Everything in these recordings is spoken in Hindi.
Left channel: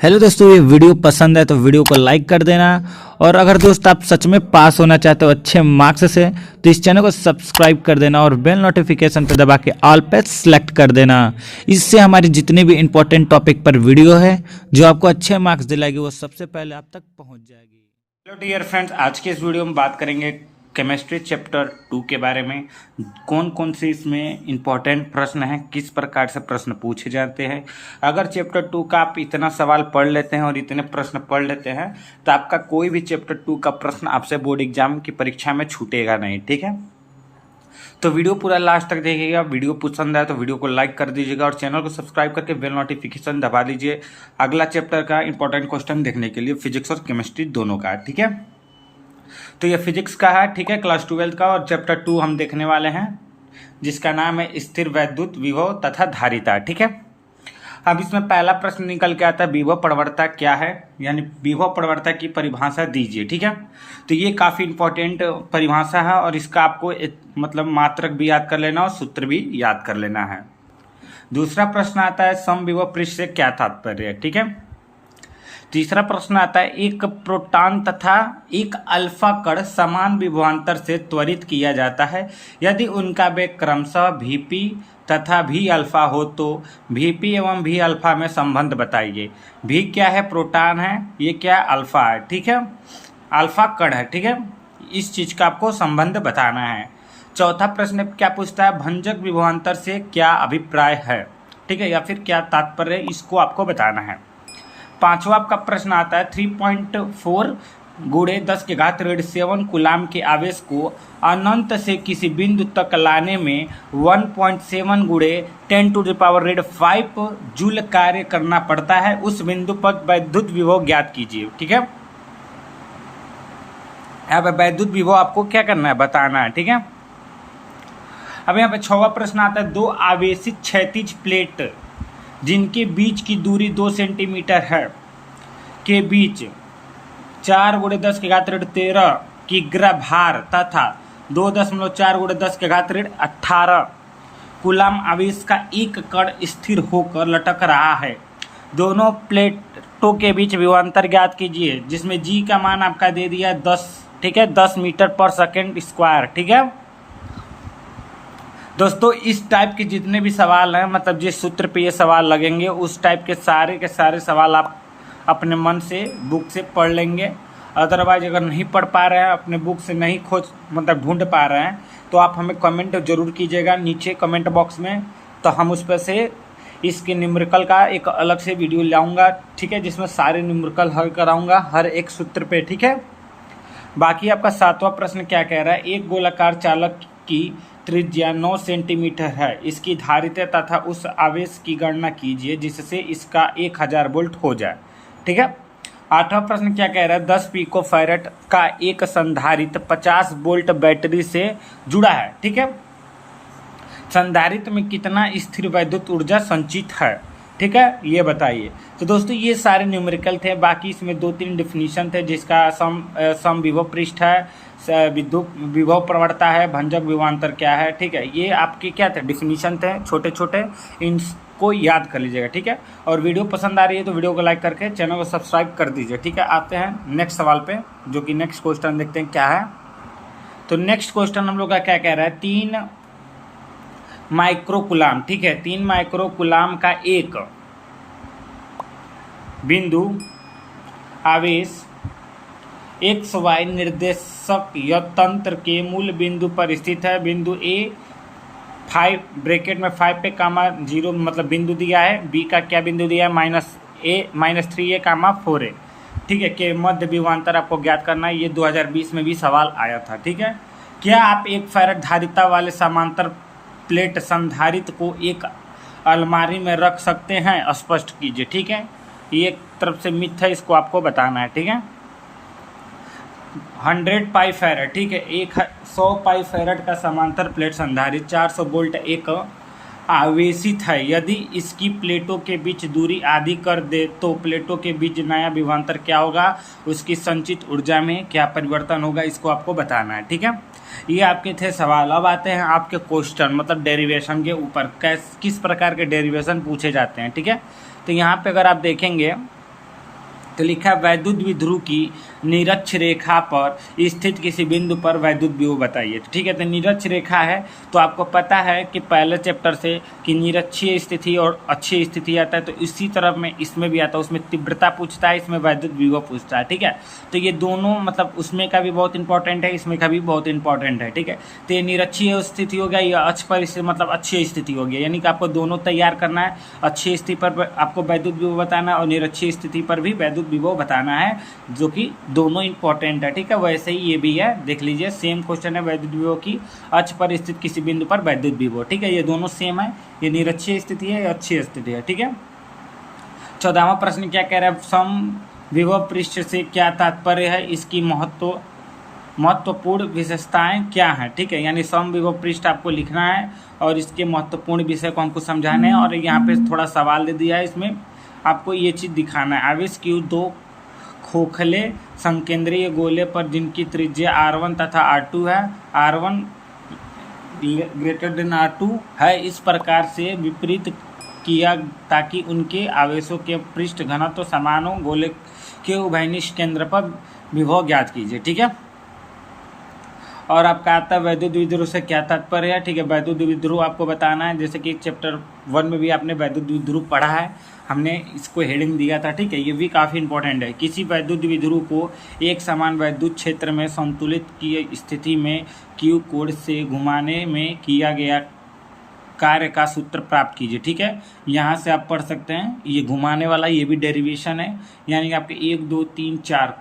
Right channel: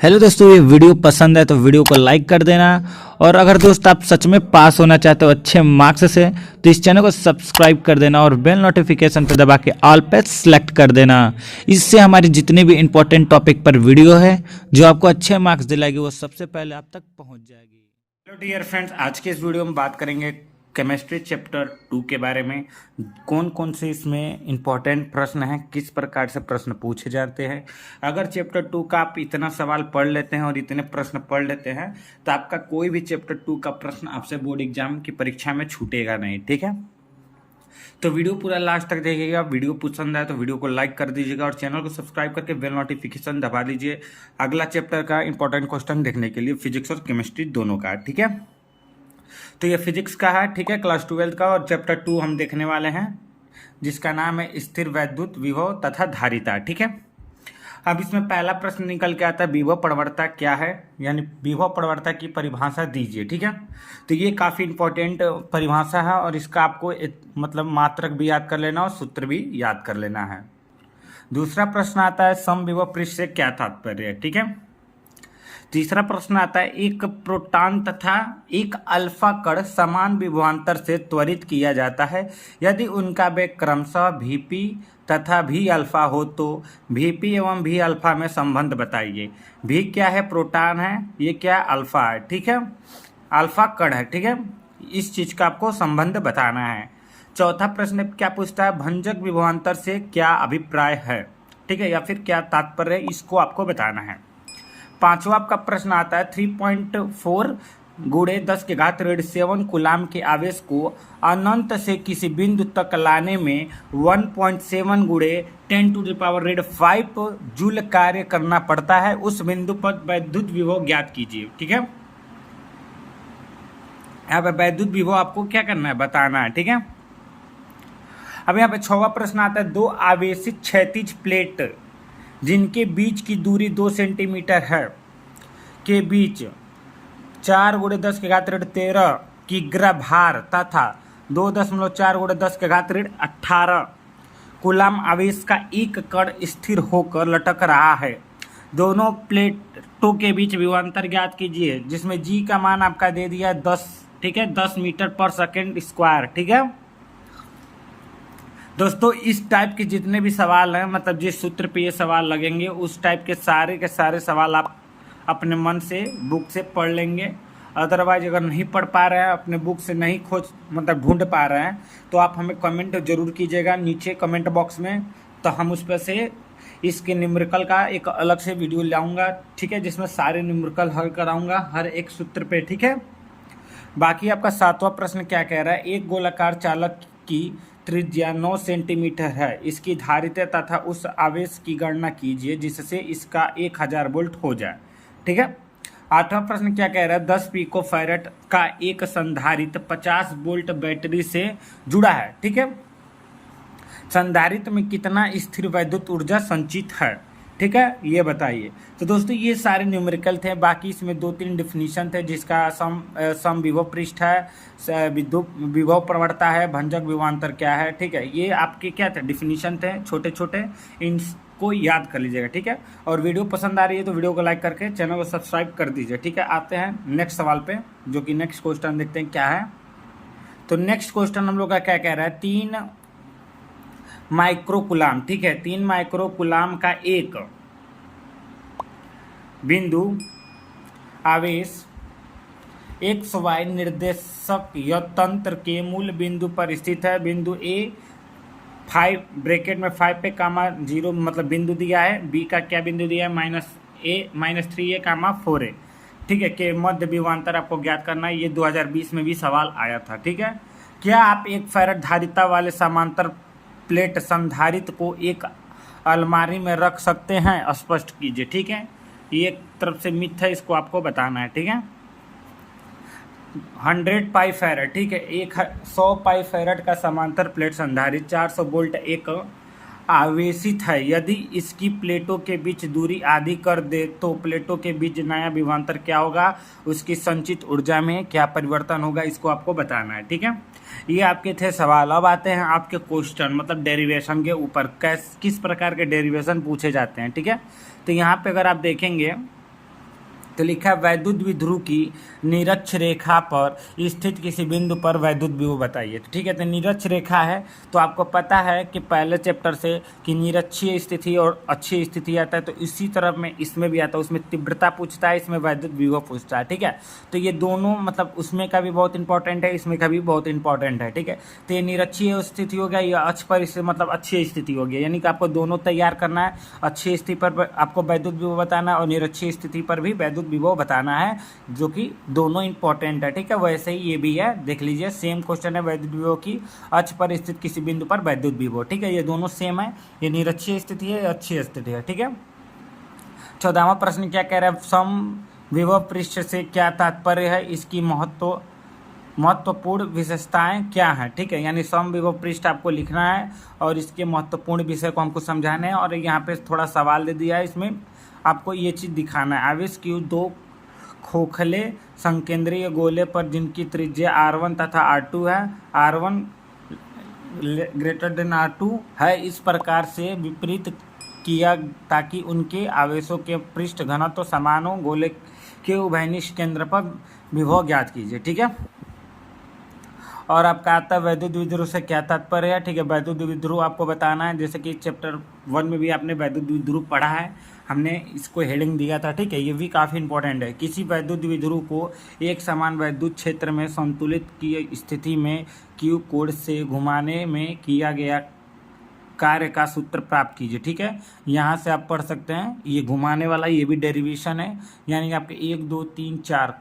हेलो दोस्तों, ये वीडियो पसंद है तो वीडियो को लाइक कर देना। और अगर दोस्त आप सच में पास होना चाहते हो अच्छे मार्क्स से तो इस चैनल को सब्सक्राइब कर देना और बेल नोटिफिकेशन पर दबा के ऑल पे सेलेक्ट कर देना। इससे हमारी जितने भी इंपॉर्टेंट टॉपिक पर वीडियो है जो आपको अच्छे मार्क्स दिलाएगी वो सबसे पहले आप तक पहुंच जाएगी। हेलो डियर फ्रेंड्स, आज के इस वीडियो में बात करेंगे केमिस्ट्री चैप्टर 2 के बारे में। कौन कौन से इसमें इंपॉर्टेंट प्रश्न हैं, किस प्रकार से प्रश्न पूछे जाते हैं। अगर चैप्टर 2 का आप इतना सवाल पढ़ लेते हैं और इतने प्रश्न पढ़ लेते हैं तो आपका कोई भी चैप्टर 2 का प्रश्न आपसे बोर्ड एग्जाम की परीक्षा में छूटेगा नहीं। ठीक है, तो वीडियो पूरा लास्ट तक देखिएगा। वीडियो पसंद आए तो वीडियो को लाइक कर दीजिएगा और चैनल को सब्सक्राइब करके बेल नोटिफिकेशन दबा दीजिए अगला चैप्टर का इंपॉर्टेंट क्वेश्चन देखने के लिए, फिजिक्स और केमिस्ट्री दोनों का। ठीक है, तो ये फिजिक्स का है, ठीक है, क्लास 12 का, और चैप्टर 2 हम देखने वाले हैं जिसका नाम है स्थिर वैद्युत विभव तथा धारिता। ठीक है, अब इसमें पहला प्रश्न निकल के आता है विभव प्रवणता क्या है, यानी विभव प्रवणता की परिभाषा दीजिए। ठीक है, तो ये काफ़ी इंपॉर्टेंट परिभाषा है और इसका आपको मतलब मात्रक भी याद कर लेना और सूत्र भी याद कर लेना है। दूसरा प्रश्न आता है समविभव पृष्ठ से क्या तात्पर्य है। ठीक है, तीसरा प्रश्न आता है एक प्रोटॉन तथा एक अल्फा कण समान विभवांतर से त्वरित किया जाता है यदि उनका वेग क्रमशः वीपी तथा वी अल्फा हो तो वीपी एवं वी अल्फा में संबंध बताइए। वी क्या है, प्रोटॉन है, ये क्या है, अल्फा है। ठीक है, अल्फा कण है। ठीक है, इस चीज का आपको संबंध बताना है। चौथा प्रश्न क्या पूछता है, भंजक विभवांतर से क्या अभिप्राय है। ठीक है, या फिर क्या तात्पर्य है, इसको आपको बताना है। पांचवा आपका प्रश्न आता है 3.4 गुणे 10 के घात ऋण 7 कूलाम के आवेश को अनंत से किसी बिंदु तक लाने में 1.7 गुणे 10⁻⁵ जूल कार्य करना पड़ता है। उस बिंदु पर वैद्युत विभव ज्ञात कीजिए। ठीक है, यहाँ पे वैद्युत विभव आपको क्या करना है, बताना है। ठीक है, अब यहाँ पे छठवां प्रश्न आता है दो आवेशित क्षैतिज प्लेट जिनके बीच की दूरी 2 सेंटीमीटर है के बीच 4 × 10 के घात ऋण 13 किग्रा भार तथा 2.4 × 10 के घात ऋण 18 कूलाम आवेश का एक कण स्थिर होकर लटक रहा है। दोनों प्लेटों के बीच विभवांतर ज्ञात कीजिए, जिसमें जी का मान आपका दे दिया 10। ठीक है, 10 मीटर पर सेकेंड स्क्वायर। ठीक है दोस्तों, इस टाइप के जितने भी सवाल हैं, मतलब जिस सूत्र पे ये सवाल लगेंगे उस टाइप के सारे सवाल आप अपने मन से बुक से पढ़ लेंगे। अदरवाइज अगर नहीं पढ़ पा रहे हैं, अपने बुक से नहीं मतलब ढूंढ पा रहे हैं तो आप हमें कमेंट जरूर कीजिएगा नीचे कमेंट बॉक्स में, तो हम उस पर से इसके न्यूमेरिकल का एक अलग से वीडियो लाऊंगा। ठीक है, जिसमें सारे न्यूमेरिकल हल कराऊंगा हर एक सूत्र पे। ठीक है, बाकी आपका सातवां प्रश्न क्या कह रहा है, एक गोलाकार चालक की त्रिज्या 9 सेंटीमीटर है, इसकी धारिता तथा उस आवेश की गणना कीजिए जिससे इसका 1000 वोल्ट हो जाए। ठीक है, आठवां प्रश्न क्या कह रहा है, 10 पिको फैरेड का एक संधारित्र 50 वोल्ट बैटरी से जुड़ा है। ठीक है, संधारित्र में कितना स्थिर वैद्युत ऊर्जा संचित है। ठीक है, ये बताइए। तो दोस्तों ये सारे न्यूमेरिकल थे, बाकी इसमें 2-3 डिफिनीशन थे जिसका सम विभव पृष्ठ है, विद्युत विभव प्रवणता है, भंजक विभवांतर क्या है। ठीक है, ये आपके क्या थे, डिफिनीशन थे छोटे छोटे, इनको याद कर लीजिएगा। ठीक है, और वीडियो पसंद आ रही है तो वीडियो को लाइक करके चैनल को सब्सक्राइब कर दीजिए। ठीक है, आते हैं नेक्स्ट सवाल पे, जो कि नेक्स्ट क्वेश्चन देखते हैं क्या है। तो नेक्स्ट क्वेश्चन हम लोग का क्या कह रहा है, 3 माइक्रोकूलाम। ठीक है, 3 माइक्रोकूलाम का एक बिंदु आवेश XY निर्देशक तंत्र के मूल बिंदु पर स्थित है। बिंदु A 5 ब्रैकेट में 5 पे कामा 0 मतलब बिंदु दिया है, B का क्या बिंदु दिया है, -3A कामा 4A। ठीक है, के मध्य विभवांतर आपको ज्ञात करना है। ये 2020 में भी सवाल आया था। ठीक है, क्या आप एक फैराड धारिता वाले समांतर प्लेट संधारित्र को एक अलमारी में रख सकते हैं, स्पष्ट कीजिए। ठीक है, ये एक तरफ से मिथ है, इसको आपको बताना है। ठीक है, 100 पाई फैराड। ठीक है, 100 पाई फैराड का समांतर प्लेट संधारित्र 400 वोल्ट एक आवेशित है। यदि इसकी प्लेटों के बीच दूरी आधी कर दे तो प्लेटों के बीच नया विभवांतर क्या होगा, उसकी संचित ऊर्जा में क्या परिवर्तन होगा, इसको आपको बताना है। ठीक है, ये आपके थे सवाल। अब आते हैं आपके क्वेश्चन, मतलब डेरिवेशन के ऊपर किस प्रकार के डेरिवेशन पूछे जाते हैं। ठीक है, तो यहाँ पे अगर आप देखेंगे तो लिखा वैद्युत द्विध्रुव की निरक्ष रेखा पर स्थित किसी बिंदु पर वैद्युत विभव बताइए। तो ठीक है, तो निरक्ष रेखा है तो आपको पता है कि पहले चैप्टर से कि निरक्षीय स्थिति और अक्षीय स्थिति आता है, तो इसी तरह में इसमें भी आता है। उसमें तीव्रता पूछता है, इसमें वैद्युत विभव पूछता है। ठीक है, तो ये दोनों मतलब उसमें का भी बहुत इंपॉर्टेंट है, इसमें का भी बहुत इंपॉर्टेंट है। ठीक है, तो ये निरक्षीय स्थिति हो गया, या अक्ष पर इससे मतलब अक्षीय स्थिति हो गया, यानी कि आपको दोनों तैयार करना है। अक्षीय स्थिति पर आपको वैद्युत विभव बताना है और निरक्षीय स्थिति पर भी वैद्युत विभव बताना है, जो कि दोनों इंपॉर्टेंट है। ठीक है, वैसे ही ये भी है, देख लीजिए सेम क्वेश्चन है, वैद्युत विभव की अक्ष पर स्थित किसी बिंदु पर वैद्युत विभव। ठीक है, ये दोनों सेम है, ये निरक्षीय स्थिति है, ये अक्षीय स्थिति है। ठीक है, 14वां प्रश्न क्या कह रहा है, सम विभव पृष्ठ से क्या तात्पर्य है, इसकी महत्वपूर्ण विशेषताएं क्या हैं। ठीक है, यानी सम विभव पृष्ठ आपको लिखना है और इसके महत्वपूर्ण विषय को हमको समझाना है। और यहाँ पे थोड़ा सवाल दे दिया है, इसमें आपको ये चीज़ दिखाना है, आवेश की दो खोखले संकेंद्रीय गोले पर जिनकी त्रिज्या R1 तथा R2 है, R1 ग्रेटर देन R2 है, इस प्रकार से विपरीत किया ताकि उनके आवेशों के पृष्ठ घनत्व समान हो, गोले के उभयनिष्ठ केंद्र पर विभव ज्ञात कीजिए। ठीक है, और आपका आता है वैद्युत द्विध्रुव से क्या तात्पर्य है। ठीक है, वैद्युत द्विध्रुव आपको बताना है, जैसे कि चैप्टर 1 में भी आपने वैद्युत द्विध्रुव पढ़ा है, हमने इसको हेडिंग दिया था। ठीक है, ये भी काफ़ी इंपॉर्टेंट है। किसी वैद्युत द्विध्रुव को एक समान वैद्युत क्षेत्र में संतुलित की स्थिति में Q कोण से घुमाने में किया गया कार्य का सूत्र प्राप्त कीजिए। ठीक है, यहाँ से आप पढ़ सकते हैं, ये घुमाने वाला ये भी डेरिवेशन है, यानी कि आपके 1 2 3 4।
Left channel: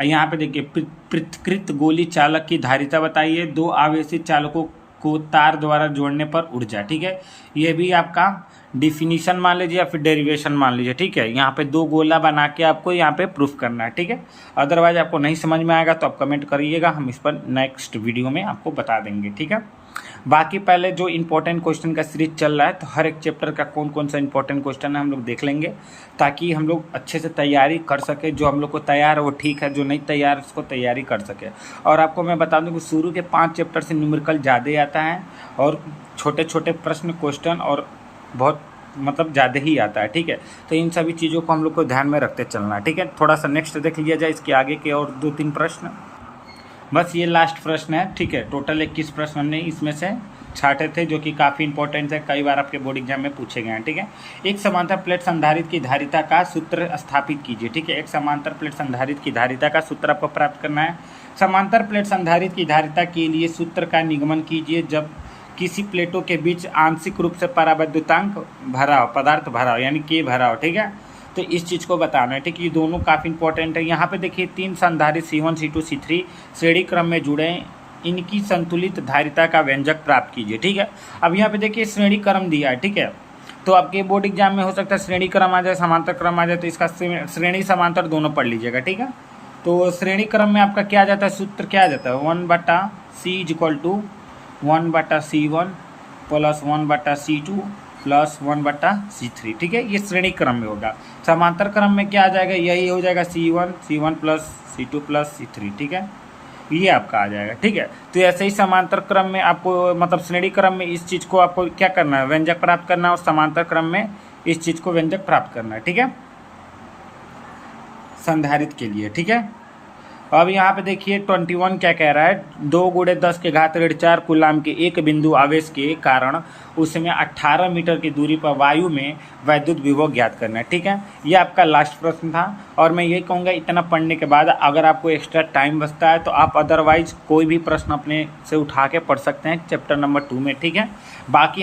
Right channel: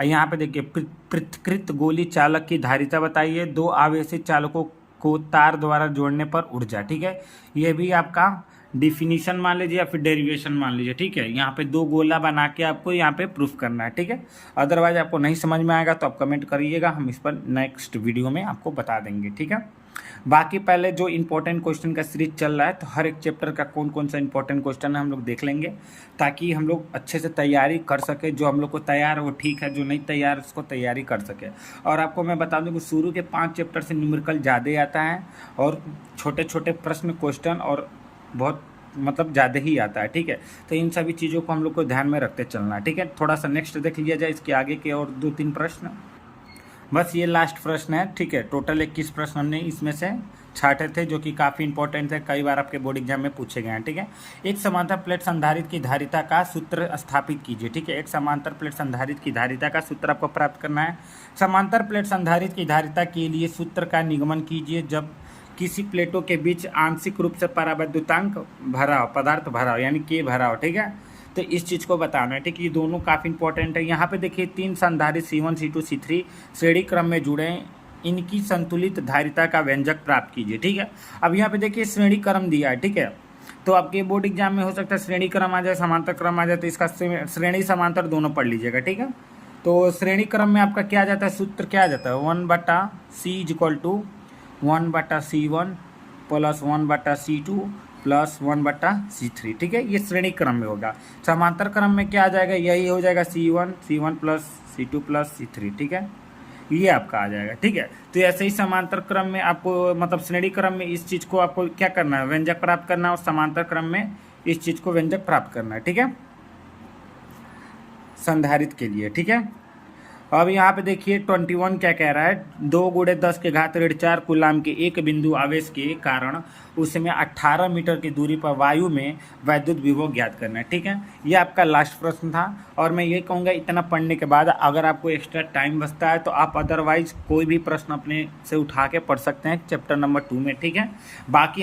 यहाँ पे देखिए, पृथकृत गोली चालक की धारिता बताइए, दो आवेशित चालकों को तार द्वारा जोड़ने पर ऊर्जा। ठीक है, ये भी आपका डिफिनीशन मान लीजिए या फिर डेरिवेशन मान लीजिए। ठीक है, यहाँ पे दो गोला बना के आपको यहाँ पे प्रूफ करना है। ठीक है, अदरवाइज आपको नहीं समझ में आएगा तो आप कमेंट करिएगा, हम इस पर नेक्स्ट वीडियो में आपको बता देंगे। ठीक है, बाकी पहले जो इंपॉर्टेंट क्वेश्चन का सीरीज चल रहा है, तो हर एक चैप्टर का कौन कौन सा इंपॉर्टेंट क्वेश्चन है हम लोग देख लेंगे, ताकि हम लोग अच्छे से तैयारी कर सके। जो हम लोग को तैयार है वो ठीक है, जो नहीं तैयार उसको तैयारी कर सके। और आपको मैं बता दूं कि शुरू के 5 चैप्टर से न्यूमेरिकल ज़्यादा आता है और छोटे छोटे प्रश्न क्वेश्चन और बहुत मतलब ज़्यादा ही आता है। ठीक है, तो इन सभी चीज़ों को हम लोग को ध्यान में रखते चलना है। ठीक है, थोड़ा सा नेक्स्ट देख लिया जाए, इसके आगे के और 2-3 प्रश्न, बस ये लास्ट प्रश्न है। ठीक है, टोटल 21 प्रश्न हमने इसमें से छाटे थे, जो कि काफ़ी इंपॉर्टेंट है, कई बार आपके बोर्ड एग्जाम में पूछे गए हैं। ठीक है, एक समांतर प्लेट संधारित्र की धारिता का सूत्र स्थापित कीजिए। ठीक है, एक समांतर प्लेट संधारित्र की धारिता का सूत्र आपको प्राप्त करना है। समांतर प्लेट संधारित्र की धारिता के लिए सूत्र का निगमन कीजिए, जब किसी प्लेटों के बीच आंशिक रूप से परावैद्युतांक भरा हो, पदार्थ भरा हो, यानी के भरा हो। ठीक है, तो इस चीज़ को बताना है। ठीक है, ये दोनों काफ़ी इंपॉर्टेंट है। यहाँ पे देखिए 3 संधारित्र C1 C2 C3 श्रेणी क्रम में जुड़े हैं, इनकी संतुलित धारिता का व्यंजक प्राप्त कीजिए। ठीक है, अब यहाँ पे देखिए श्रेणी क्रम दिया है। ठीक है, तो आपके बोर्ड एग्जाम में हो सकता है श्रेणी क्रम आ जाए, समांतर क्रम आ जाए, तो इसका श्रेणी समांतर दोनों पढ़ लीजिएगा। ठीक है, तो श्रेणी क्रम में आपका क्या आ जाता है, सूत्र क्या आ जाता है, 1/C = 1/C1 + 1/C2 + 1/C3। ठीक है, ये श्रेणी क्रम में होगा। समांतर क्रम में क्या आ जाएगा, यही हो जाएगा C1 + C2 + C3। ठीक है, ये आपका आ जाएगा। ठीक है, तो ऐसे ही समांतर क्रम में आपको मतलब श्रेणी क्रम में इस चीज़ को आपको क्या करना है, व्यंजक प्राप्त करना है, और समांतर क्रम में इस चीज़ को व्यंजक प्राप्त करना है। ठीक है, संधारित्र के लिए। ठीक है, अब यहाँ पे देखिए 21 क्या कह रहा है, 2×10⁻⁴ कूलाम के एक बिंदु आवेश के कारण उसमें 18 मीटर की दूरी पर वायु में वैद्युत विभव ज्ञात करना है। ठीक है, ये आपका लास्ट प्रश्न था, और मैं ये कहूँगा इतना पढ़ने के बाद अगर आपको एक्स्ट्रा टाइम बचता है तो आप अदरवाइज कोई भी प्रश्न अपने से उठा के पढ़ सकते हैं चैप्टर नंबर 2 में। ठीक है, बाकी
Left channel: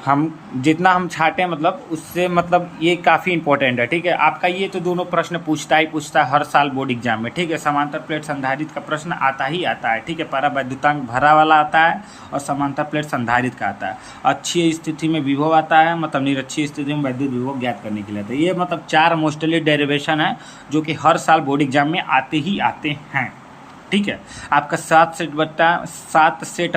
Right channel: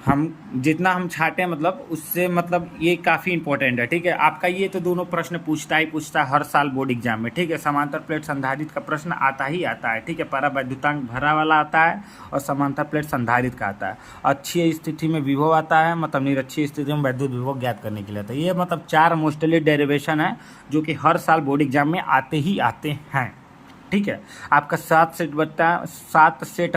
हम जितना हम छाटे मतलब उससे मतलब ये काफ़ी इंपॉर्टेंट है। ठीक है, आपका ये तो दोनों प्रश्न पूछता है हर साल बोर्ड एग्जाम में। ठीक है, समांतर प्लेट संधारित्र का प्रश्न आता ही आता है। ठीक है, परावैद्युतांक भरा वाला आता है और समांतर प्लेट संधारित्र का आता है। अक्षीय स्थिति में विभव आता है, मतलब निरक्षीय स्थिति में वैद्युत विभव ज्ञात करने के लिए आता है। ये मतलब 4 मोस्टली डेरिवेशन है जो कि हर साल बोर्ड एग्जाम में आते ही आते हैं। ठीक है, आपका 7 सेट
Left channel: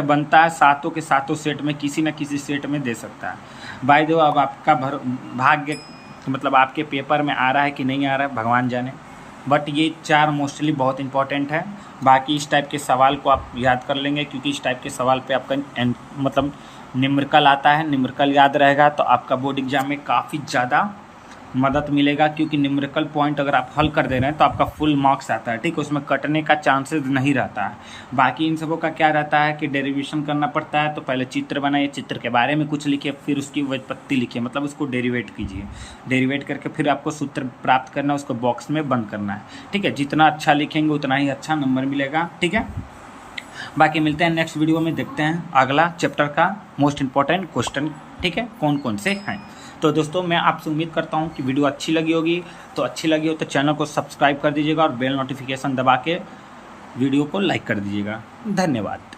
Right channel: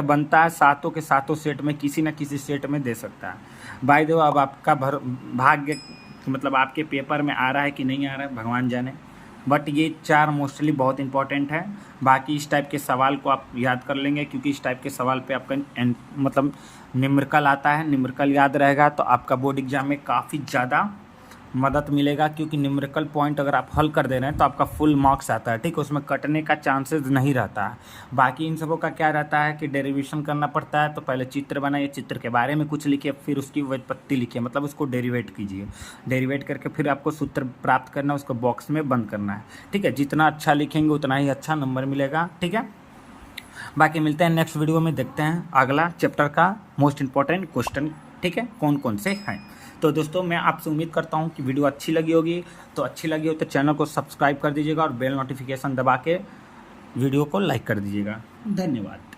बनता है, सातों के सातों सेट में किसी न किसी सेट में दे सकता है। बाय द वे अब आपका भाग्य मतलब आपके पेपर में आ रहा है कि नहीं आ रहा है भगवान जाने, बट ये 4 मोस्टली बहुत इंपॉर्टेंट है। बाकी इस टाइप के सवाल को आप याद कर लेंगे, क्योंकि इस टाइप के सवाल पे आपका मतलब न्यूमेरिकल आता है, न्यूमेरिकल याद रहेगा तो आपका बोर्ड एग्जाम में काफ़ी ज़्यादा मदद मिलेगा, क्योंकि न्यूमेरिकल पॉइंट अगर आप हल कर दे रहे हैं तो आपका फुल मार्क्स आता है, ठीक है, उसमें कटने का चांसेस नहीं रहता है। बाकी इन सबों का क्या रहता है कि डेरिवेशन करना पड़ता है, तो पहले चित्र बनाइए, चित्र के बारे में कुछ लिखिए, फिर उसकी व्युत्पत्ति लिखिए, मतलब उसको डेरिवेट कीजिए, डेरिवेट करके फिर आपको सूत्र प्राप्त करना है, उसको बॉक्स में बंद करना है, ठीक है। जितना अच्छा लिखेंगे उतना ही अच्छा नंबर मिलेगा, ठीक है। बाकी मिलते हैं नेक्स्ट वीडियो में, देखते हैं अगला चैप्टर का मोस्ट इंपॉर्टेंट क्वेश्चन, ठीक है, कौन कौन से हैं। तो दोस्तों मैं आपसे उम्मीद करता हूँ कि वीडियो अच्छी लगी होगी, तो अच्छी लगी हो तो चैनल को सब्सक्राइब कर दीजिएगा और बेल नोटिफिकेशन दबा के वीडियो को लाइक कर दीजिएगा। धन्यवाद।